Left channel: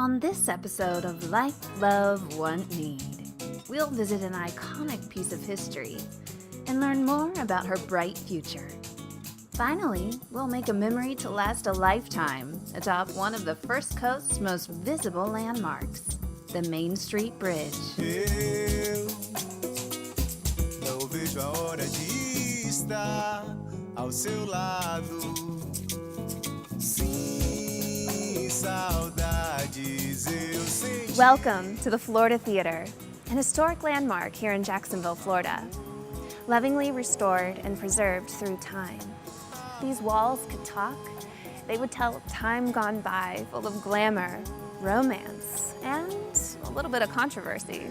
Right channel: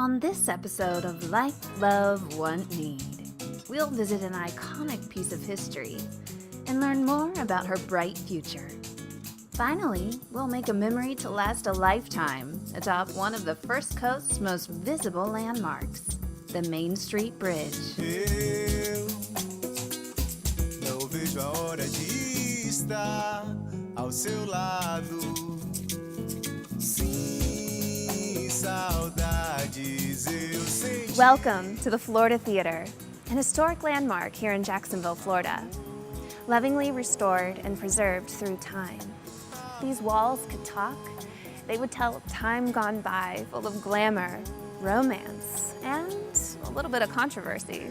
On this episode of Like, Love, Want, Need, we'll visit an iconic piece of history and learn more about her bright future. Finally, we'll make a memory to last a lifetime atop one of the First Coast's most visible landmarks, the Main Street Bridge. Eu não vejo a hora de estar ao seu lado. Sim, saudades eu senti. Welcome to the Florida Theater, an historic landmark here in Jacksonville, Florida. Lovingly restored and preserved through time. These walls could talk. They would tell of time gone by, full of glamour, romance, and a little bit of controversy.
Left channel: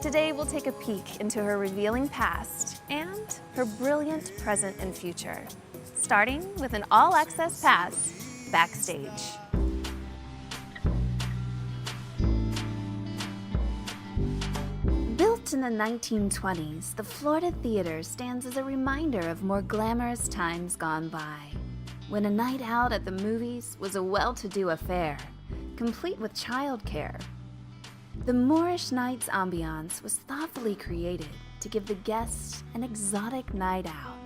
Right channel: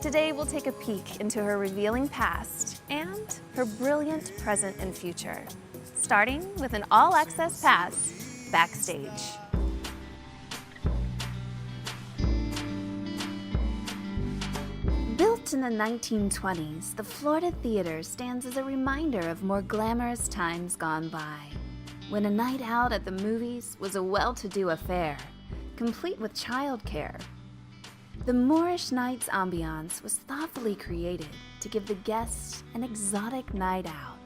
Today we'll take a peek into her revealing past and her brilliant present and future, starting with an all-access pass backstage. Built in the 1920s, the Florida Theater stands as a reminder of more glamorous times gone by, when a night out at the movies was a well-to-do affair, complete with childcare. The Moorish Nights ambiance was thoughtfully created to give the guests an exotic night out.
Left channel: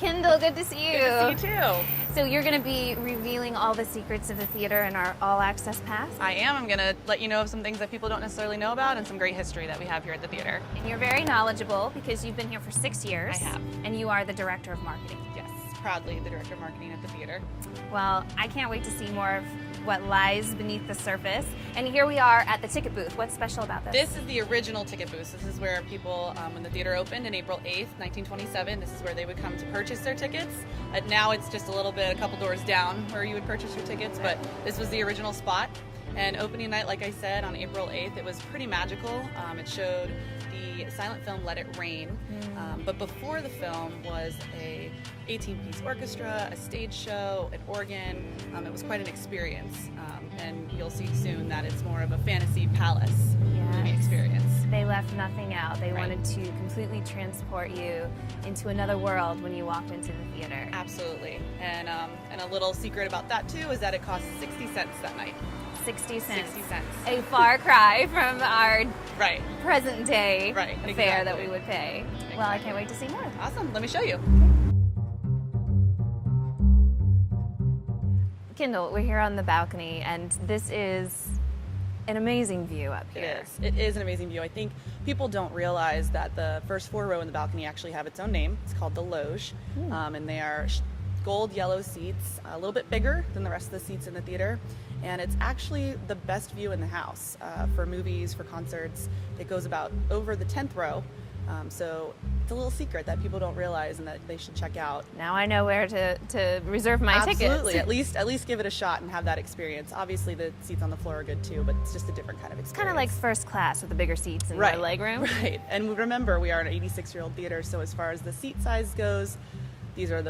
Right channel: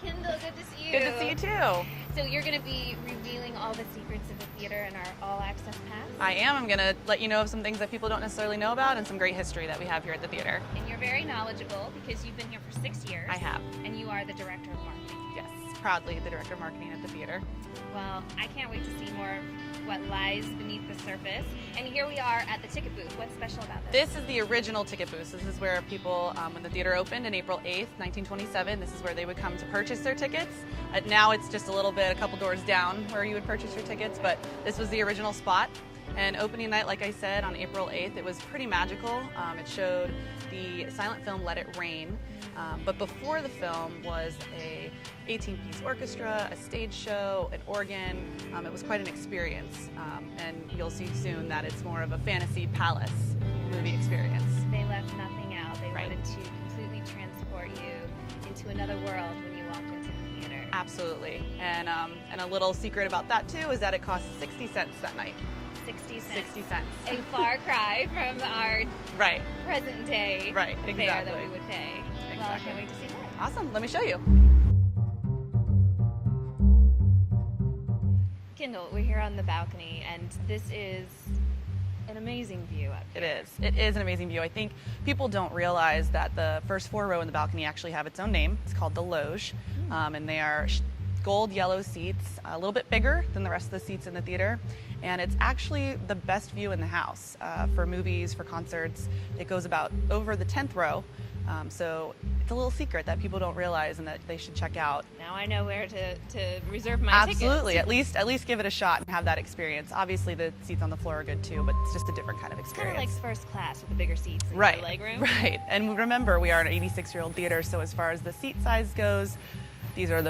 Kendall, good to see you. Good to see you too. So you're going to be revealing all the secrets of the theater in our all-access pass? I am. I'm going to let you know of some things that people don't necessarily know about and some great history that we have here at the theater. And you're very knowledgeable because you've been here for 6 years. I have. And you are the director of marketing. Yes, proudly the director of marketing at the theater. Well, I can't wait to see more of what lies beneath the surface. And here we are at the ticket booth. What's special about this? This is the original ticket booth. This is where people, when the theater opened in April 8th, 1927, this is where they would come to purchase their tickets. Now it's just a couple doors down where you would purchase your tickets, but this was the original spot. And opening night, like I said, on April 8th, it was pretty magical. It showed the silent film Let It Rain. But before the film was a 18-piece orchestra, a stage show, an organ. It was quite an experience. And you'll see soon that it's more of a fantasy palace experience. They left nothing out. They Right. wanted to completely transport you into another world when you walked into the theater. Absolutely. And a little secret about that too is that it cost 60 cents that night. 60 cents. 60 cents. A far cry from our Right. present day Right, fare that exactly. we would pay. Well, I can't wait to see more. Awesome. Let me show you. Kendall, we're here on the balcony, and this is an amazing view up It here. is. It is an amazing view. I think people don't realize that the first floor row in the balcony actually have its own name. It's called the Loge, and they are gold yellow seats, a little bit bigger than the rest of the seats in the theater, and it's actually the best view in the house for movies, for concerts. It goes about over the 10th row, so it's a little secret that people don't realize and that they should check out. Now I know where to reserve my Absolutely, tickets. at least give it a shot and have that experience. Obviously, the seats on the floor are good too, but it's just a different kind of It's experience. kind of like first class with the bigger seats and Right, the legroom. Right, and remember, we are an 86-year-old theater, so as far as the seat size goes, these are a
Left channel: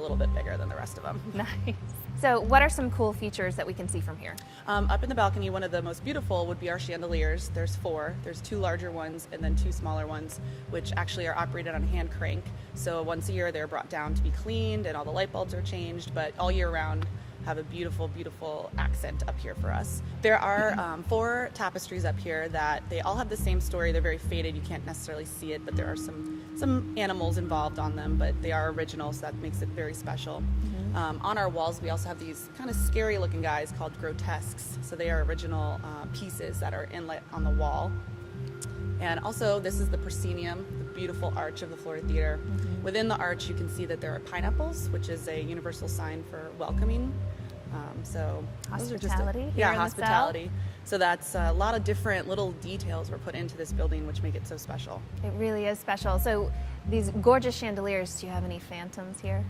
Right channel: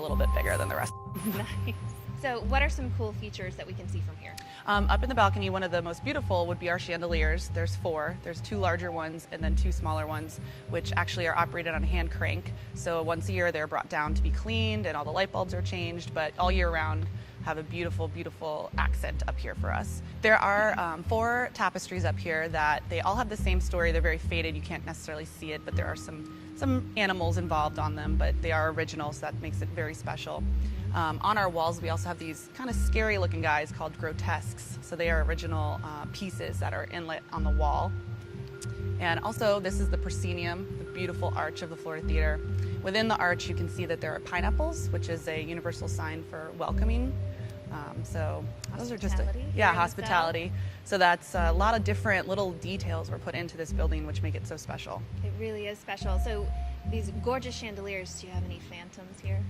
little bit bigger than the rest of them. Nice. So what are some cool features that we can see from here? Up in the balcony, one of the most beautiful would be our chandeliers. There's 4. There's 2 larger ones and then 2 smaller ones, which actually are operated on a hand crank. So once a year, they're brought down to be cleaned and all the light bulbs are changed, but all year round have a beautiful, beautiful accent up here for us. There are 4 tapestries up here that they all have the same story. They're very faded. You can't necessarily see it, but there are some animals involved on them, but they are original, so that makes it very special. On our walls, we also have these kind of scary looking guys called grotesques. So they are original pieces that are inlet on the wall. And also, this is the proscenium, the beautiful arch of the Florida Theater. Within the arch, you can see that there are pineapples, which is a universal sign for welcoming. Those are just Hospitality here in the hospitality. So that's a lot of different little details were put into this building, which make it so special. It really is special. So these gorgeous chandeliers, do you have any phantoms here?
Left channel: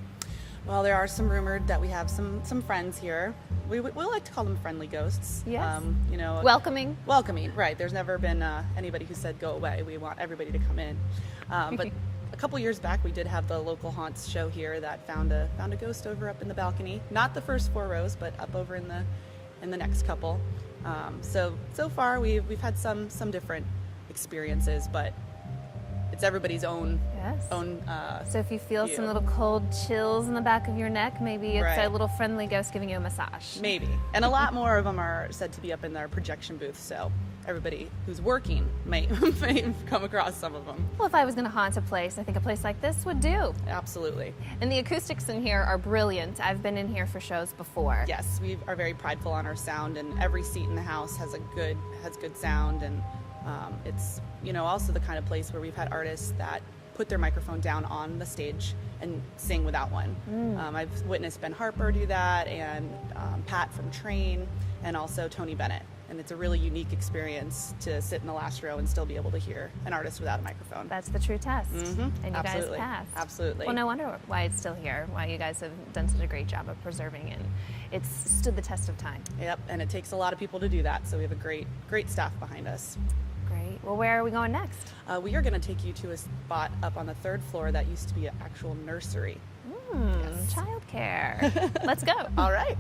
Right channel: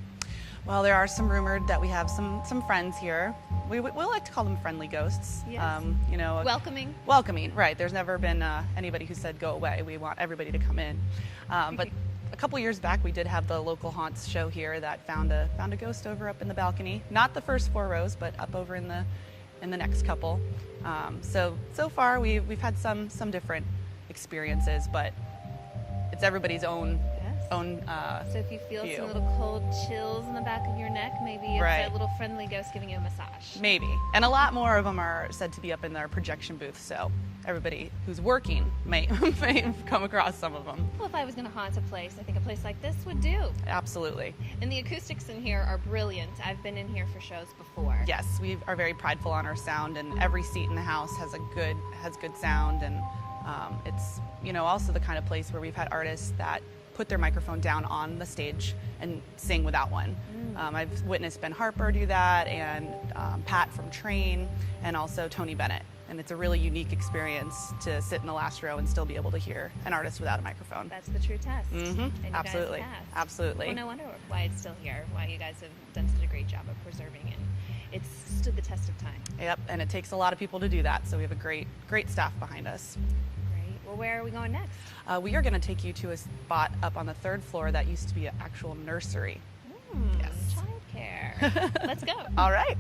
Well, there are some rumored that we have some friends here. We like to call them friendly ghosts. Yes. Welcoming. Welcoming, right. There's never been anybody who said go away. We want everybody to come in. But a couple years back, we did have the local haunts show here that found a ghost over up in the balcony. Not the first 4 rows, but up over in the next couple. So far we've had some different experiences, but it's everybody's own Yes. own. So if you feel view. some little cold chills in the back of your neck, maybe it's Right. a little friendly ghost giving you a massage. Maybe. And a lot more of them are said to be up in their projection booth, so everybody who's working may come across some of them. Well, if I was going to haunt a place, I think a place like this would do. Absolutely. And the acoustics in here are brilliant. I've been in here for shows before. Yes, we are very prideful on our sound, and every seat in the house has good sound, and it's also the kind of place where we've had artists that put their microphone down on the stage and sing without one. I've witnessed Ben Harper do that, and Pat from Train, and also Tony Bennett. And it's a really unique experience to sit in the last row and still be able to hear an artist without a microphone. That's the true test. Mm-hmm. And you Absolutely. guys passed. Absolutely. Well, no wonder why it's still here, why you guys have done such a great job of preserving it. It's stood the test of time. Yep, and it takes a lot of people to do that, so we have a great staff behind us. Great. Well, where are we going next? We are going to take you to a spot up on the 3rd floor that used to be an actual nursery. Yes. Childcare. Let's go. All right.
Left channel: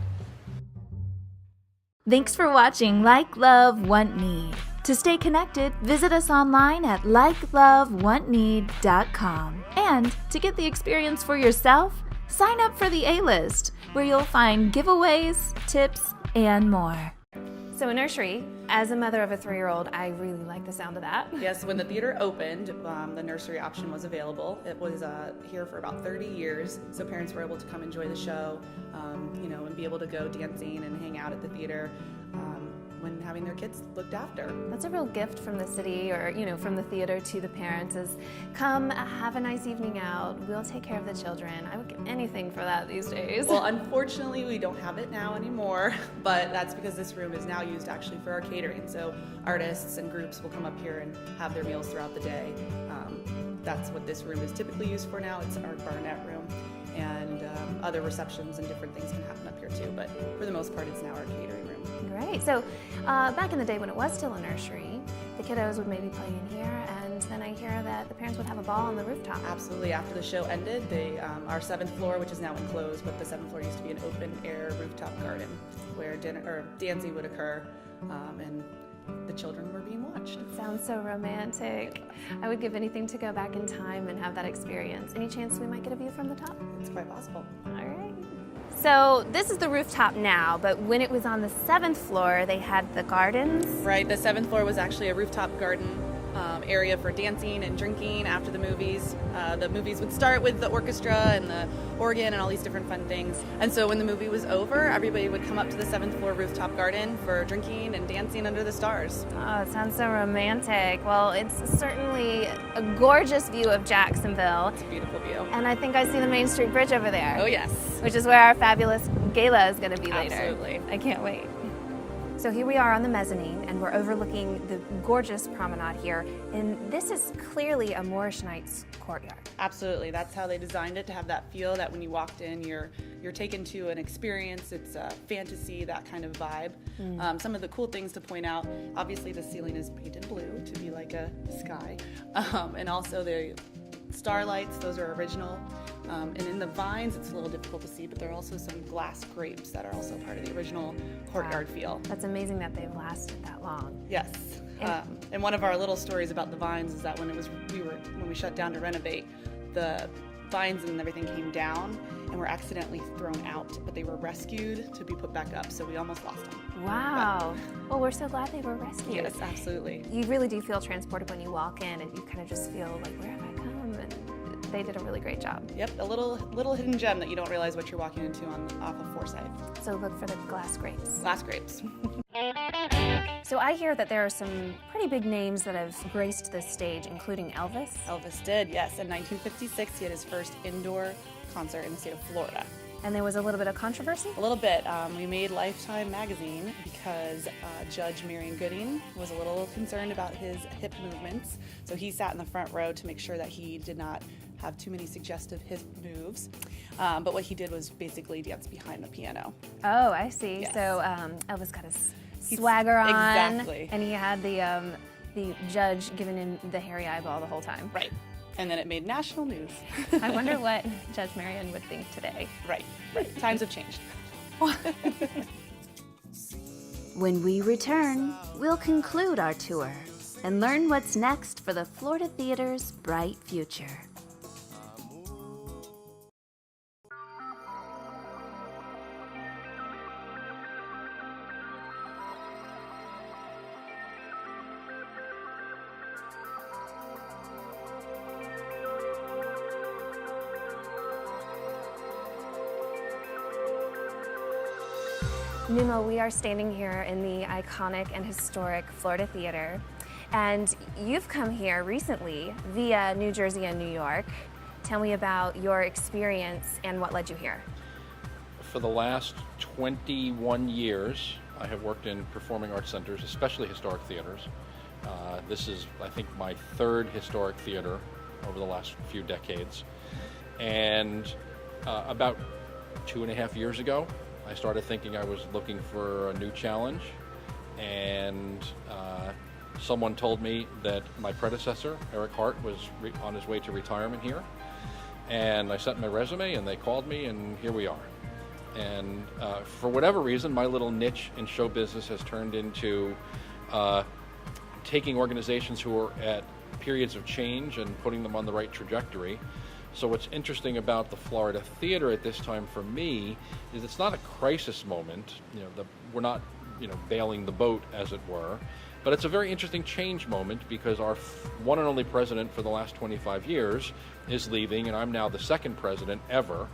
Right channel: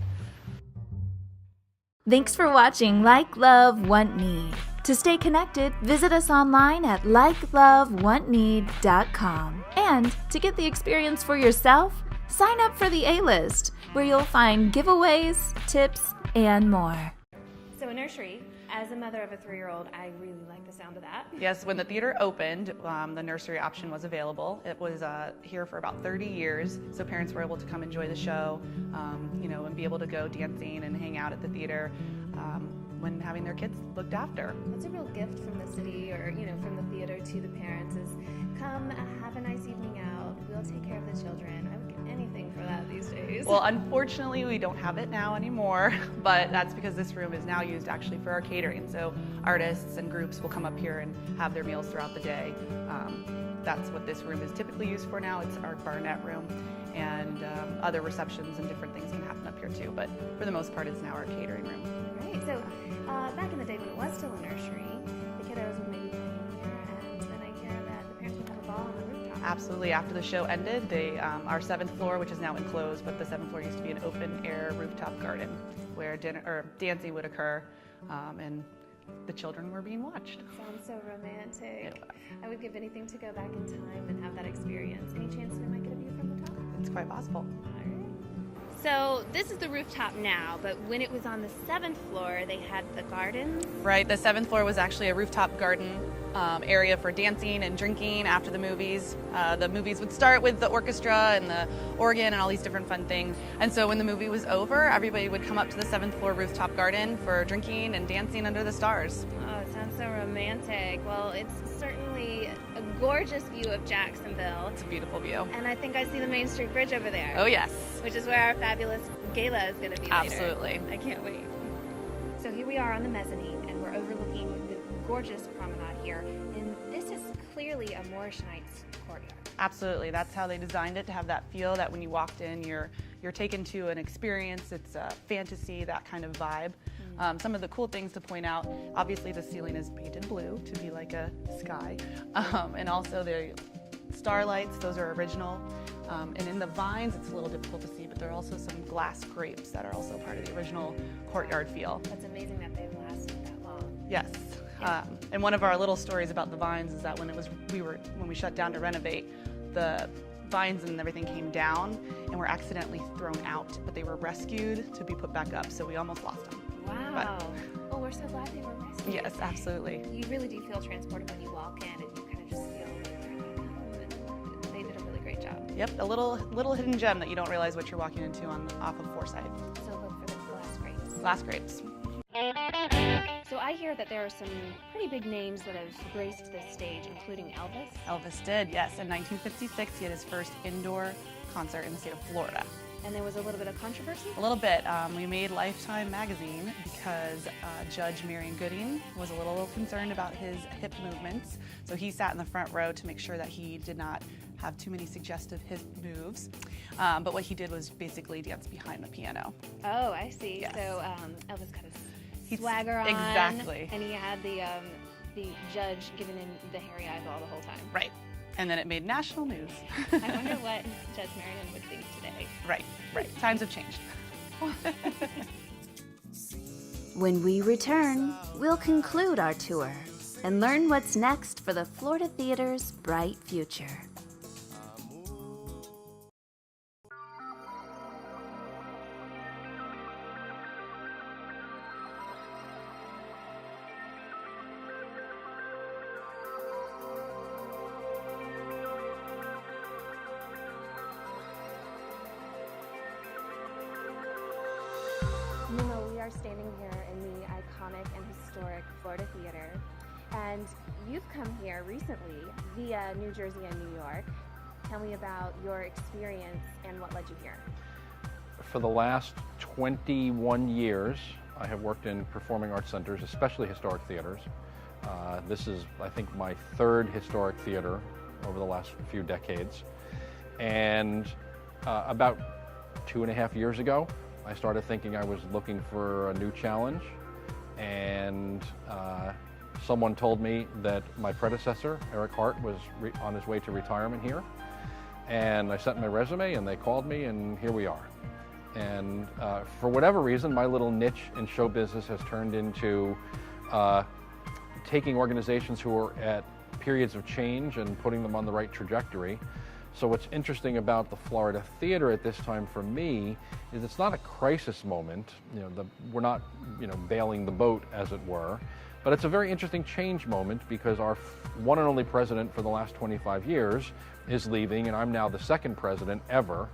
Thanks for watching Like, Love, Want, Need. To stay connected, visit us online at likelovewantneed.com. And to get the experience for yourself, sign up for the A-List, where you'll find giveaways, tips, and more. So a nursery, as a mother of a 3-year-old, I really like the sound of that. Yes, when the theater opened, the nursery option was available. It was here for about 30 years, so parents were able to come enjoy the show, and be able to go dancing and hang out at the theater when having their kids looked after. That's a real gift from the city or, from the theater to the parents is come have a nice evening out. We'll take care of the children. I would give anything for that these days. Well, unfortunately, we don't have it now anymore, but that's because this room is now used actually for our catering. So artists and groups will come up here and have their meals throughout the day. That's what this room is typically used for now. It's our barnett room, and other receptions and different things can happen up here too, but for the most part, it's now our catering room. Right. So back in the day when it was still a nursery, the kiddos would maybe play in here, and then I hear that the parents would have a ball on the rooftop. Absolutely. After the show ended, our 7th floor, which is now enclosed, but the 7th floor used to be an open-air rooftop garden where dancing would occur, and the children were being watched. Sounds so romantic. I would give anything to go back in time and have that experience. Any chance we might get a view from the top? It's quite possible. All right. So this is the rooftop now, but when it was on the 7th floor, they had the gardens. Right, the 7th floor was actually a rooftop garden area for dancing and drinking after the movies. The movies would start with the orchestra and the organ and all these different fun things. And so when the movie was over, everybody would come up to the 7th floor rooftop garden for drinking and dancing under the stars. Oh, it sounds so romantic. Well, it's certainly a gorgeous view of Jacksonville. It's a beautiful view. And I think I see the Main Street Bridge over there. Oh, yes. Which is where our fabulous gala is going to be later. Absolutely. I can't wait. So here we are on the mezzanine, and we're overlooking the gorgeous promenade here. And this is clearly a Moorish Knights courtyard. Absolutely. That's how they designed it, to have that feel that when you walked in, you're taken to an experience. It's a fantasy, that kind of vibe. Some of the cool things to point out, obviously the ceiling is painted blue to be like a sky. And also the starlights, those are original. And in the vines, it's a little difficult to see, but there are also some glass grapes that are also part of the original courtyard feel. That's amazing that they've lasted that long. Yes. And one of our little stories about the vines is that when we shut down to renovate, the vines and everything came down and were accidentally thrown out, but they were rescued to be put back up, so we almost lost them. Wow. Well, we're so glad they were rescued. Yes, absolutely. You really do feel transported when you walk in, and you kind of just feel like, where have I come? And they did a really great job. Yep, a little hidden gem that you don't realize what you're walking into off of Forsyth. So look for the glass grapes. Glass grapes. So I hear that there are some pretty big names that have graced this stage, including Elvis. Elvis did, yes. In 1956, he had his first indoor concert in the state of Florida. And there was a little bit of controversy? A little bit. We made Lifetime magazine because Judge Marion Gooding was a little concerned about his hip movements. So he sat in the front row to make sure that he did not have too many suggestive hip moves. But what he did was basically dance behind the piano. Oh, I see. Yes. So Elvis got his swagger on. Exactly. And he had the judge giving him the hairy eyeball the whole time. Right. And then it made national news. I wonder what Judge Marion would think today. Right. Times have changed. When we return, we'll conclude our tour and learn what's next for the Florida Theater's bright future. Nemo, we are standing here in the iconic and historic Florida Theater, and you've come here recently via New Jersey and New York. Tell me about your experience and what led you here. For the last 21 years, I have worked in performing arts centers, especially historic theaters. This is, I think, my third historic theater over the last few decades. And about 2.5 years ago, I started thinking I was looking for a new challenge, and someone told me that my predecessor, Eric Hart, was on his way to retirement here. And I sent my resume, and they called me, and here we are. And for whatever reason, my little niche in show business has turned into taking organizations who are at periods of change and putting them on the right trajectory. So what's interesting about the Florida Theater at this time for me is it's not a crisis moment. We're not, bailing the boat, as it were, but it's a very interesting change moment because our one and only president for the last 25 years is leaving, and I'm now the second president ever.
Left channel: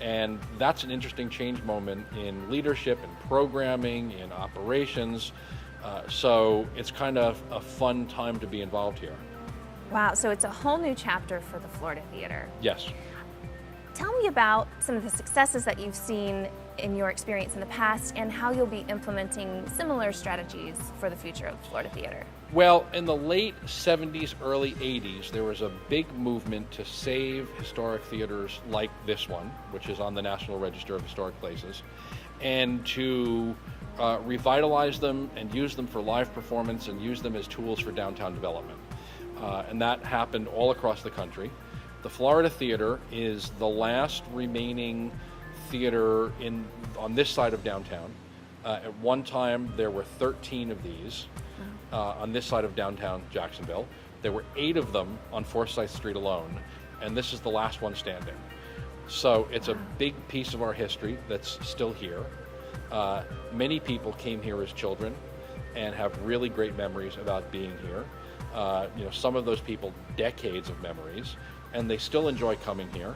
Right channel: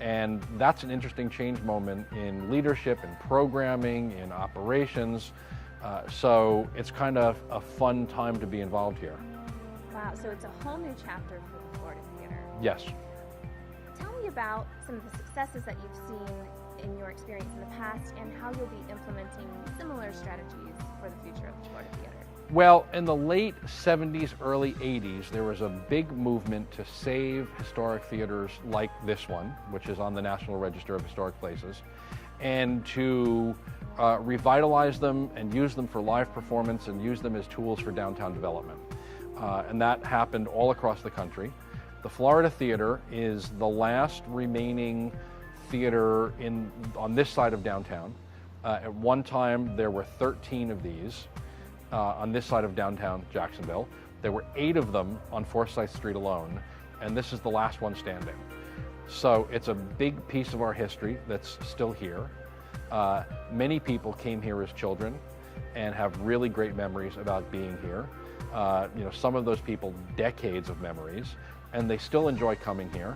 And that's an interesting change moment in leadership, in programming, in operations. So it's kind of a fun time to be involved here. Wow, so it's a whole new chapter for the Florida Theater. Yes. Tell me about some of the successes that you've seen in your experience in the past and how you'll be implementing similar strategies for the future of the Florida Theater. Well, in the late 70s, early 80s, there was a big movement to save historic theaters like this one, which is on the National Register of Historic Places, and to revitalize them and use them for live performance and use them as tools for downtown development. And that happened all across the country. The Florida Theater is the last remaining theater on this side of downtown. At one time, there were 13 of these on this side of downtown Jacksonville. There were 8 of them on Forsyth Street alone, and this is the last one standing. So it's a big piece of our history that's still here. Many people came here as children and have really great memories about being here. Some of those people, decades of memories, and they still enjoy coming here.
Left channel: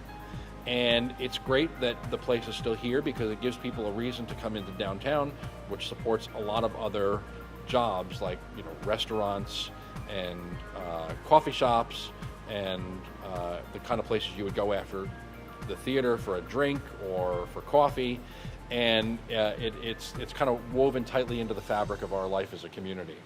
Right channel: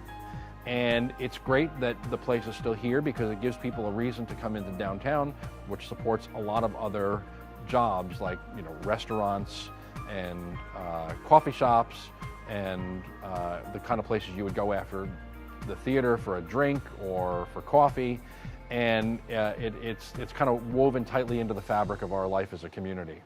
And it's great that the place is still here because it gives people a reason to come into downtown, which supports a lot of other jobs like restaurants and coffee shops and the kind of places you would go after the theater for a drink or for coffee. And it's kind of woven tightly into the fabric of our life as a community.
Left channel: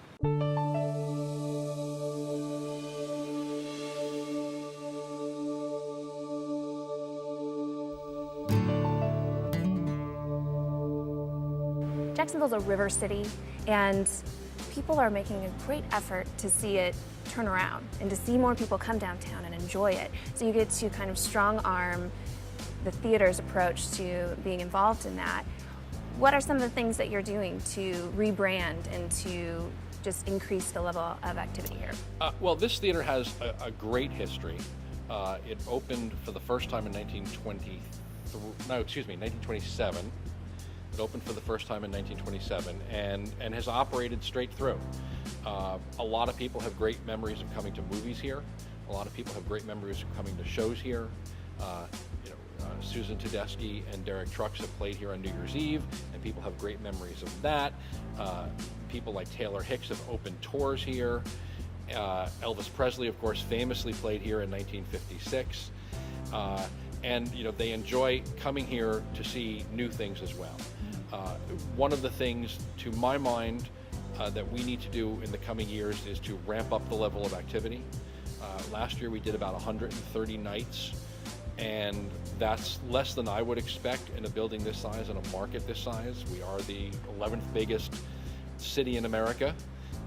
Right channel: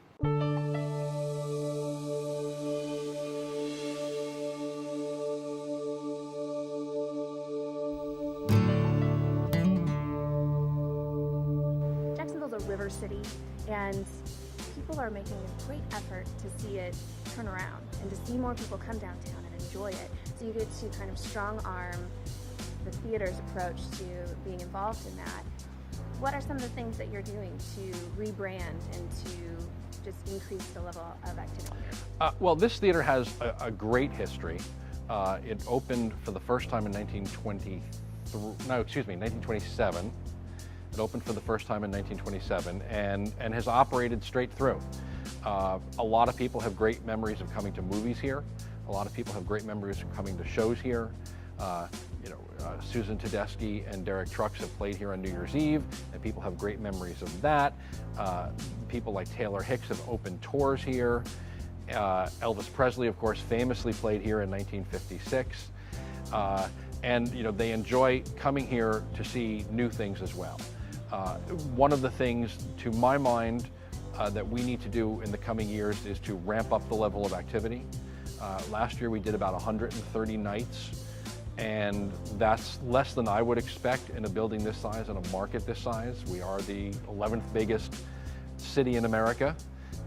Jacksonville's a river city, and people are making a great effort to see it turn around and to see more people come downtown and enjoy it. So you get to kind of strong arm the theater's approach to being involved in that. What are some of the things that you're doing to rebrand and to just increase the level of activity here? Well, this theater has a great history. It opened for the first time in 1927. It opened for the first time in 1927 and has operated straight through. A lot of people have great memories of coming to movies here. A lot of people have great memories of coming to shows here. Susan Tedeschi and Derek Trucks have played here on New Year's Eve, and people have great memories of that. People like Taylor Hicks have opened tours here. Elvis Presley, of course, famously played here in 1956. And they enjoy coming here to see new things as well. One of the things, to my mind, that we need to do in the coming years is to ramp up the level of activity. Last year we did about 130 nights, and that's less than I would expect in a building this size and a market this size. We are the 11th biggest city in America,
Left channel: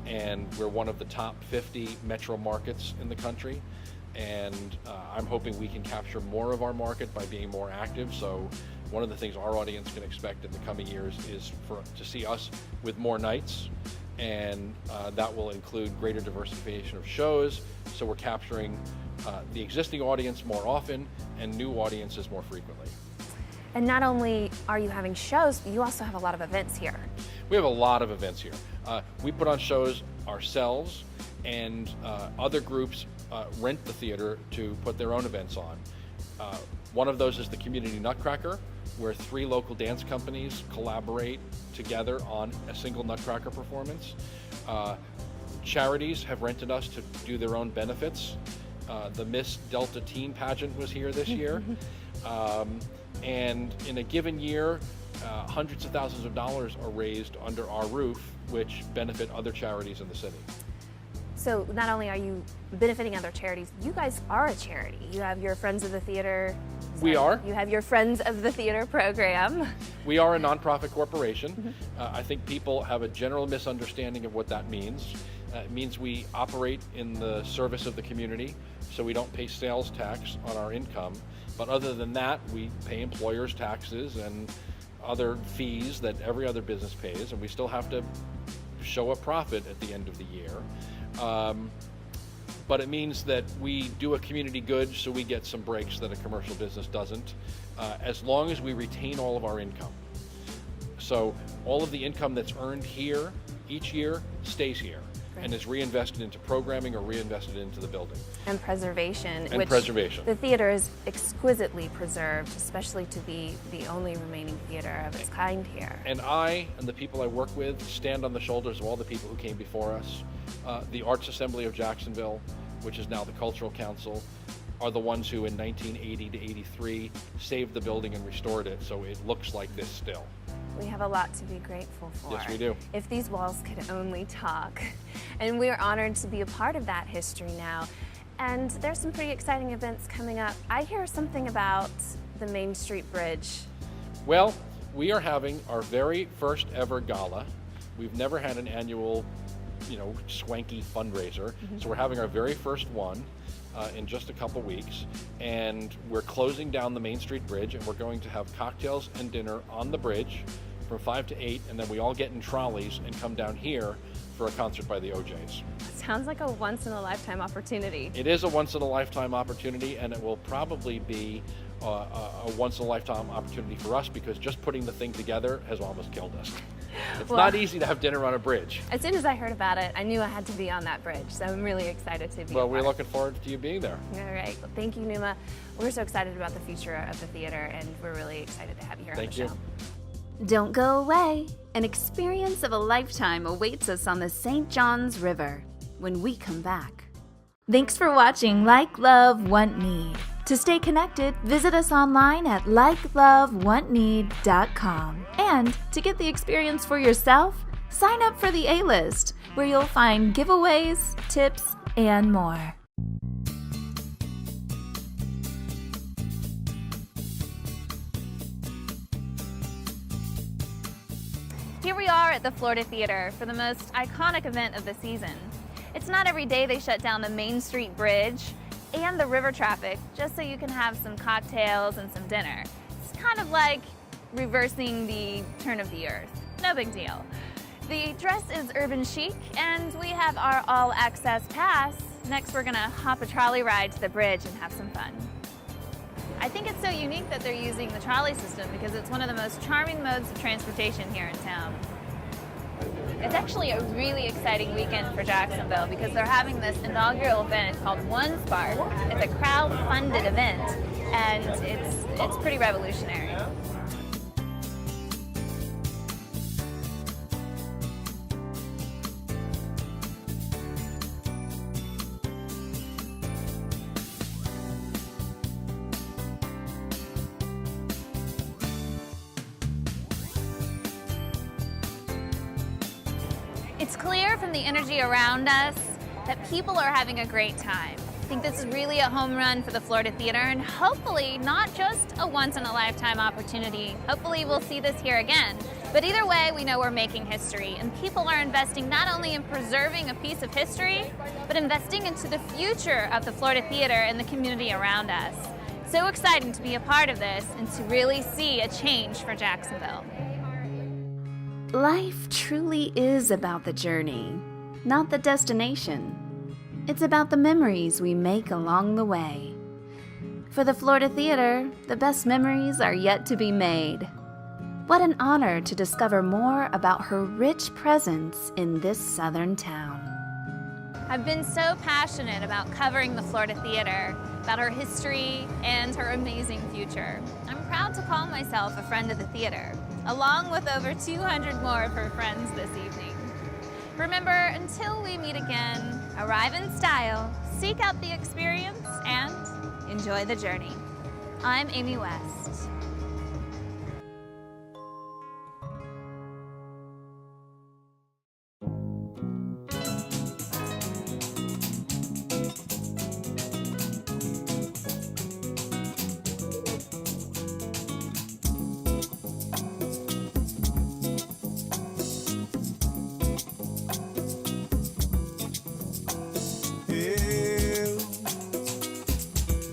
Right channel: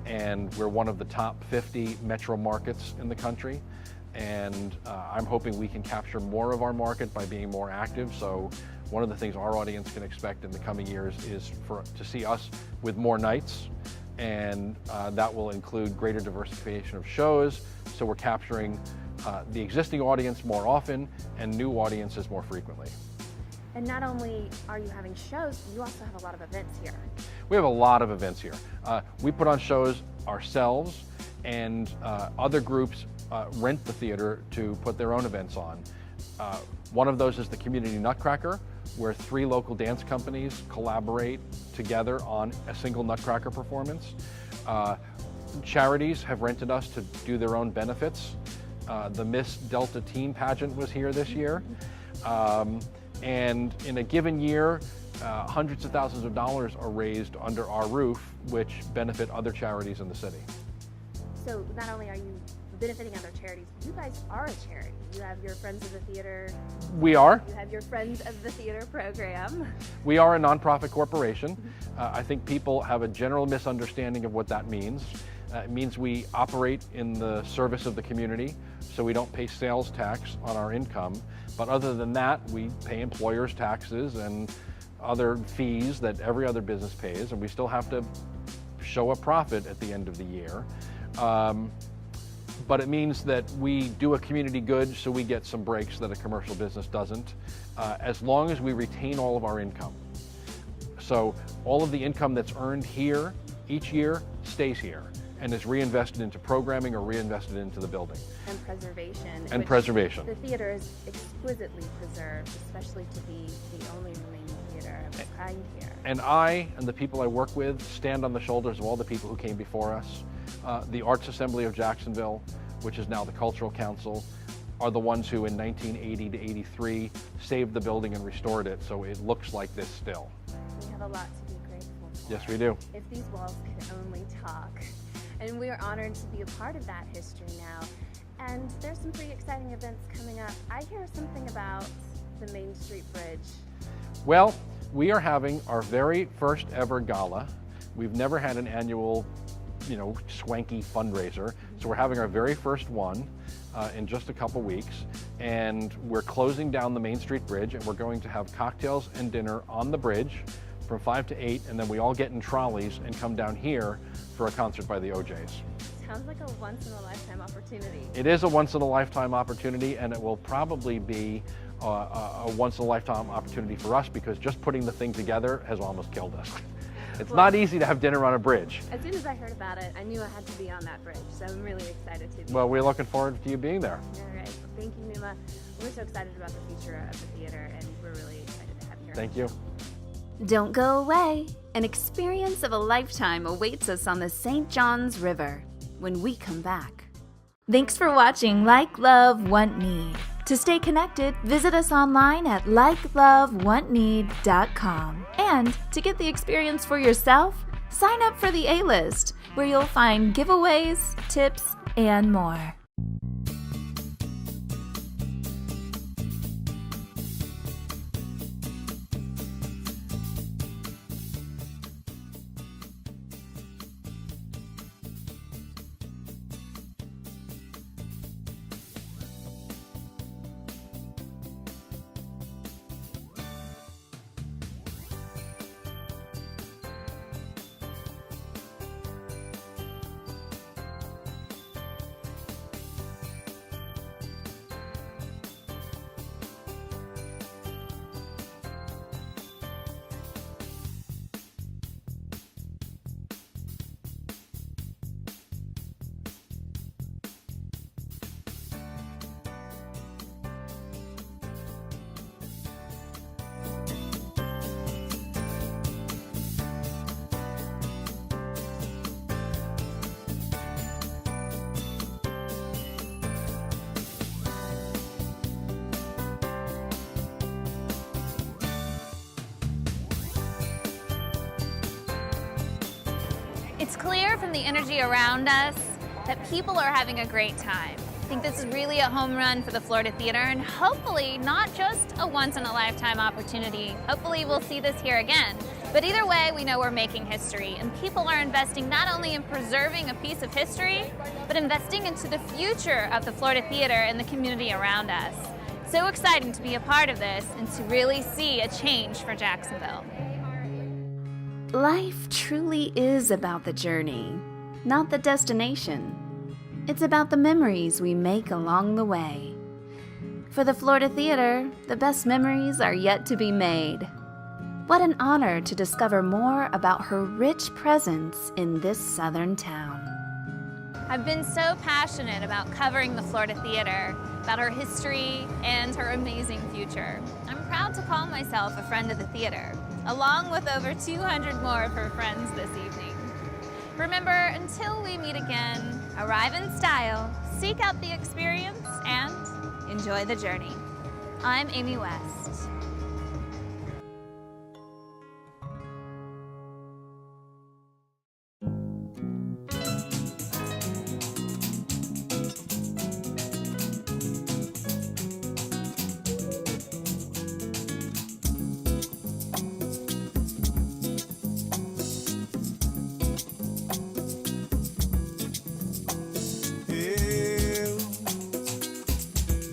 and we're one of the top 50 metro markets in the country. And I'm hoping we can capture more of our market by being more active. So one of the things our audience can expect in the coming years is to see us with more nights, and that will include greater diversification of shows. So we're capturing the existing audience more often and new audiences more frequently. And not only are you having shows, but you also have a lot of events here. We have a lot of events here. We put on shows ourselves, and other groups rent the theater to put their own events on. One of those is the Community Nutcracker, where 3 local dance companies collaborate together on a single Nutcracker performance. Charities have rented us to do their own benefits. The Miss Delta Teen Pageant was here this year. And in a given year, hundreds of thousands of dollars are raised under our roof, which benefit other charities in the city. So not only are you benefiting other charities, you guys are a charity. You have your Friends of the Theater. We are. You have your Friends of the Theater program. We are a nonprofit corporation. I think people have a general misunderstanding of what that means. It means we operate in the service of the community, so we don't pay sales tax on our income. But other than that, we pay employers' taxes and other fees that every other business pays, and we still have to show a profit at the end of the year. But it means that we do a community good, so we get some breaks that a commercial business doesn't, as long as we retain all of our income. So all of the income that's earned here each year stays here and is reinvested into programming or reinvested into the building. And preservation. And preservation. The theater is exquisitely preserved, especially to be the only remaining theater of its kind here. And I and the people I work with stand on the shoulders of all the people who came before us. The Arts Assembly of Jacksonville, which is now the Cultural Council, are the ones who in 1980 to 83 saved the building and restored it so it looks like this still. We have a lot to be grateful for. Yes, we do. If these walls could only talk. And we are honored to be a part of that history now. And there's some pretty exciting events coming up. I hear something about the Main Street Bridge. Well, we are having our very first ever gala. We've never had an annual, swanky fundraiser. So we're having our very first one in just a couple weeks. And we're closing down the Main Street Bridge, and we're going to have cocktails and dinner on the bridge from 5 to 8, and then we all get in trolleys and come down here for a concert by the OJs. Sounds like a once-in-a-lifetime opportunity. It is a once-in-a-lifetime opportunity, and it will probably be a once-in-a-lifetime opportunity for us, because just putting the thing together has almost killed us. It's not easy to have dinner on a bridge. As soon as I heard about it, I knew I had to be on that bridge, so I'm really excited to be. Well, we're looking forward to you being there. All right. Well, thank you, Numa. We're so excited about the future of the theater, and we're really excited to have you here on the show. Thank you. Don't go away. An experience of a lifetime awaits us on the St. Johns River when we come back. Thanks for watching Like, Love, Want, Need. To stay connected, visit us online at likelovewantneed.com. And to get the experience for yourself, sign up for the A-List, where you'll find giveaways, tips, and more. Here we are at the Florida Theater for the most iconic event of the season. It's not every day they shut down the Main Street Bridge and the river traffic just so you can have some cocktails and some dinner. It's kind of like reversing the turn of the earth. No big deal. The dress is urban chic, and we have our all-access pass. Next, we're gonna hop a trolley ride to the bridge and have some fun. I think it's so unique that they're using the trolley system because it's one of the most charming modes of transportation here in town. It's actually a really exciting weekend for Jacksonville because they're having this inaugural event called One Spark. It's a crowd-funded event, and it's pretty revolutionary. It's clear from the energy around us that people are having a great time. I think this is really a home run for the Florida Theater, and hopefully not just a once-in-a-lifetime opportunity. Hopefully we'll see this here again. But either way, we know we're making history, and people are investing not only in preserving a piece of history, but investing into the future of the Florida Theater and the community around us. So exciting to be a part of this and to really see a change for Jacksonville. Life truly is about the journey, not the destination. It's about the memories we make along the way. For the Florida Theater, the best memories are yet to be made. What an honor to discover more about her rich presence in this southern town. I've been so passionate about covering the Florida Theater, about her history and her amazing future. I'm proud to call myself a friend of the theater, along with over 200 more of her friends this evening. Remember, until we meet again, arrive in style, seek out the experience, and enjoy the journey. I'm Amy West.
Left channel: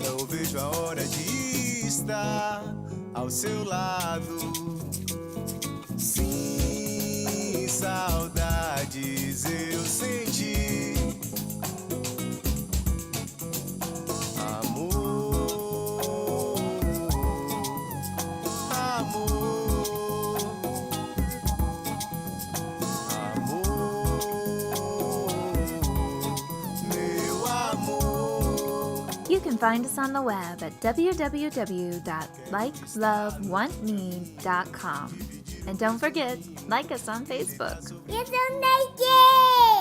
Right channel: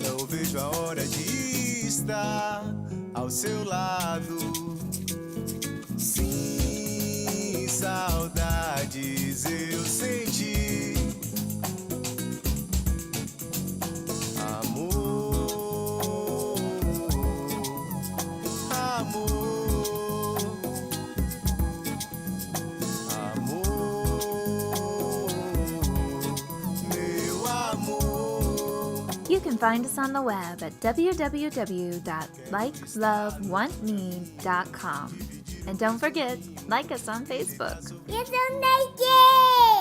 Eu não vejo a hora de estar ao seu lado. Sim, saudades eu senti. Amor, amor, amor, meu amor. You can find us on the web at www.likelovewantme.com. And don't forget, like us on Facebook. You're so naked!